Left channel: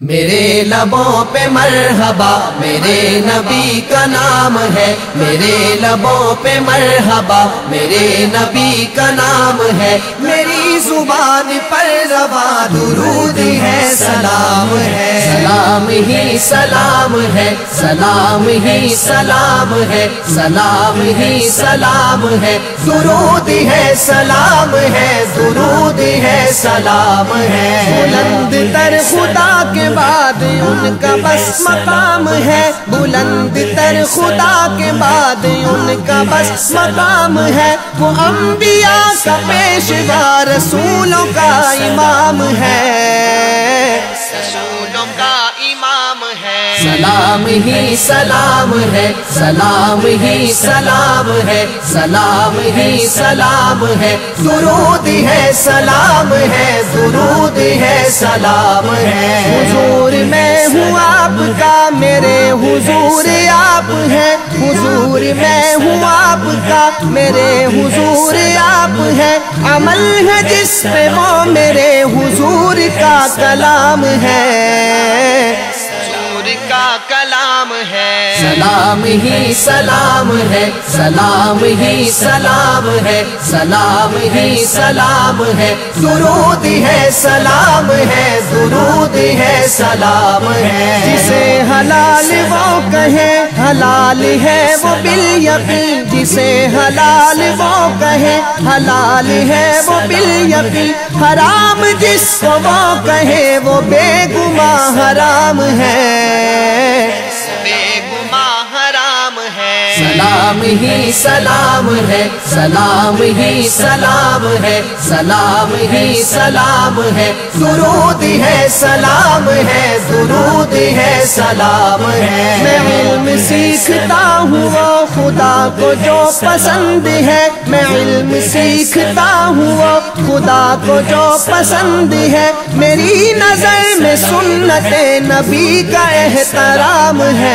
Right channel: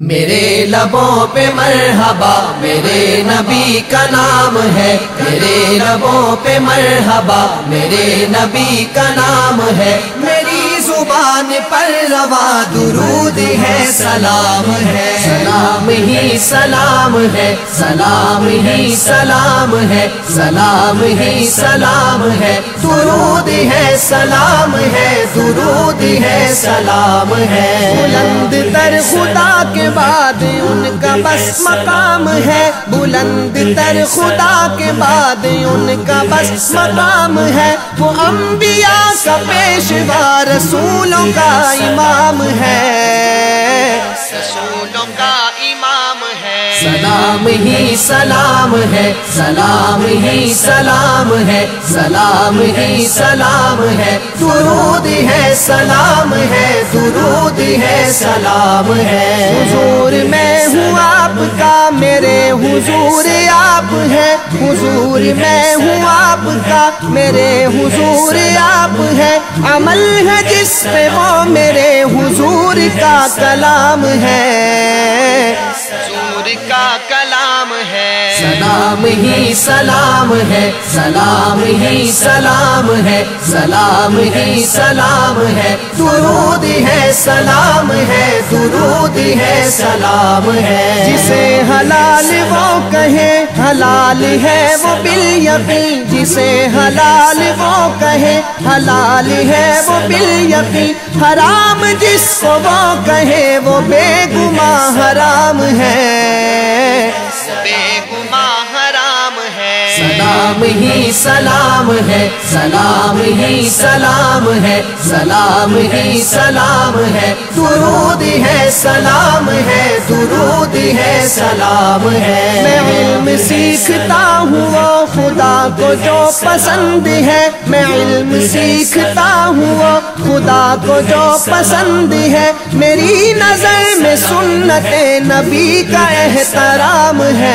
میرے لبوں پہ مرحبا میرے نبی کا نام ہے، میرے لبوں پہ مرحبا میرے نبی کا نام ہے، میری زبان پر روا درود ہے، سلام ہے، سلام ہی سلام ہے، سلام ہی سلام ہے، سلام ہی سلام ہے، درود ہے سلام ہے، درود ہے سلام ہے۔ بلند تر خدا کے بعد ان کا بس مقام ہے، بلند تر خدا کے بعد ان کا بس مقام ہے، وہ انبیاء کا پیشوا رسولوں کا امام ہے، رسولوں کا امام ہے۔ سلام ہی سلام ہے، سلام ہی سلام ہے، سلام ہی سلام ہے، درود ہے سلام ہے، درود ہے سلام ہے۔ حضور میں ہوں آپ کا، میرے حضور آپ ہیں، حضور میں ہوں آپ کا، میرے حضور آپ ہیں، عمل ہے جس پہ وہ میرے حضور کا کلام ہے، حضور کا کلام ہے۔ سلام ہی سلام ہے، سلام ہی سلام ہے، سلام ہی سلام ہے، درود ہے سلام ہے، درود ہے سلام ہے۔ جسے حلال وہ کہے حلال ہے وہ بالیقین، جسے حلال وہ کہے حلال ہے وہ بالیقین، حرام جس کو وہ کہے وہ بے گماہ حرام ہے، بے گماہ حرام ہے۔ سلام ہی سلام ہے، سلام ہی سلام ہے، سلام ہی سلام ہے، درود ہے سلام ہے، درود ہے سلام ہے۔ میں علم سیکھتا ہوں وہ خدا کو جو پسند ہے، میں علم سیکھتا ہوں وہ خدا کو جو پسند ہے، میری نظر میں سنت نبی کا احترام ہے،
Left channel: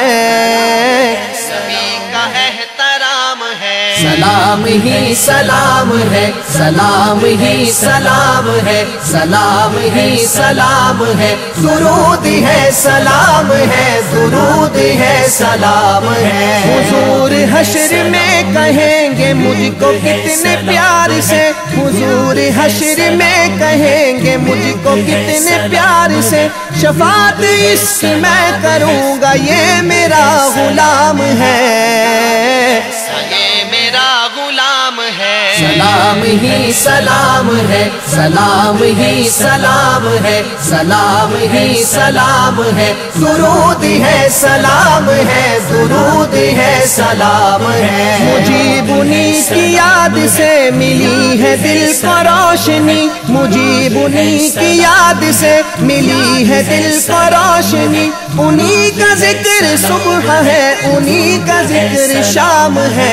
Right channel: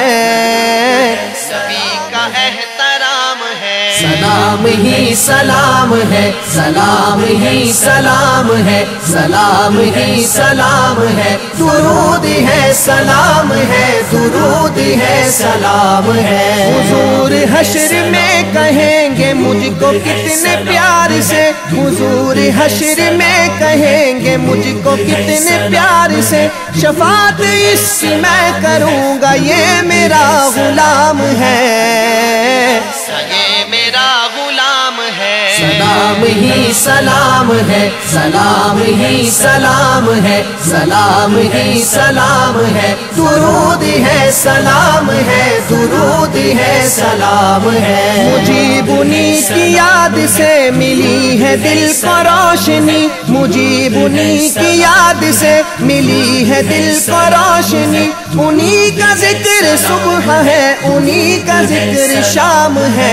نبی کا احترام ہے۔ سلام ہی سلام ہے، سلام ہی سلام ہے، سلام ہی سلام ہے، درود ہے سلام ہے، درود ہے سلام ہے۔ حضور حشر میں کہیں گے مجھ کو کتنے پیار سے، حضور حشر میں کہیں گے مجھ کو کتنے پیار سے، شفاعت اس کی میں کروں گا یہ میرا غلام ہے، یہ میرا غلام ہے۔ سلام ہی سلام ہے، سلام ہی سلام ہے، سلام ہی سلام ہے، درود ہے سلام ہے، درود ہے سلام ہے۔ مجیب انہی کی یاد سے ملی ہے دل کو روشنی، مجیب انہی کی یاد سے ملی ہے دل کو روشنی، انہی کا ذکر صبح ہے، انہی کا ذکر شام ہے،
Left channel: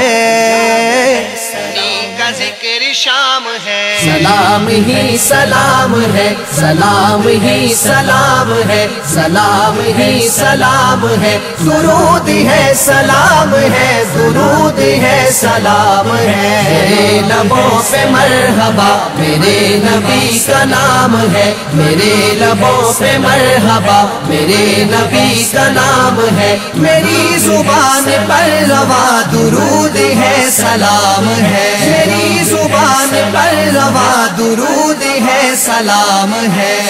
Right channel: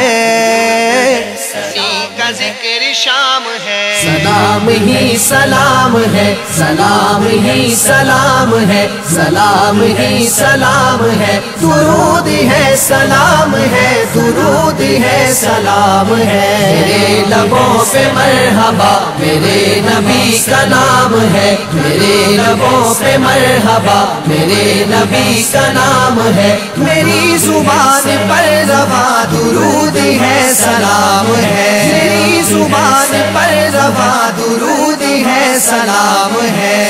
انہی کا ذکر شام ہے۔ سلام ہی سلام ہے، سلام ہی سلام ہے، سلام ہی سلام ہے، درود ہے سلام ہے، درود ہے سلام ہے۔ میرے لبوں پہ مرحبا میرے نبی کا نام ہے، میرے لبوں پہ مرحبا میرے نبی کا نام ہے، میری زبان پر روا درود ہے سلام ہے، میری زبان پر روا درود ہے سلام ہے۔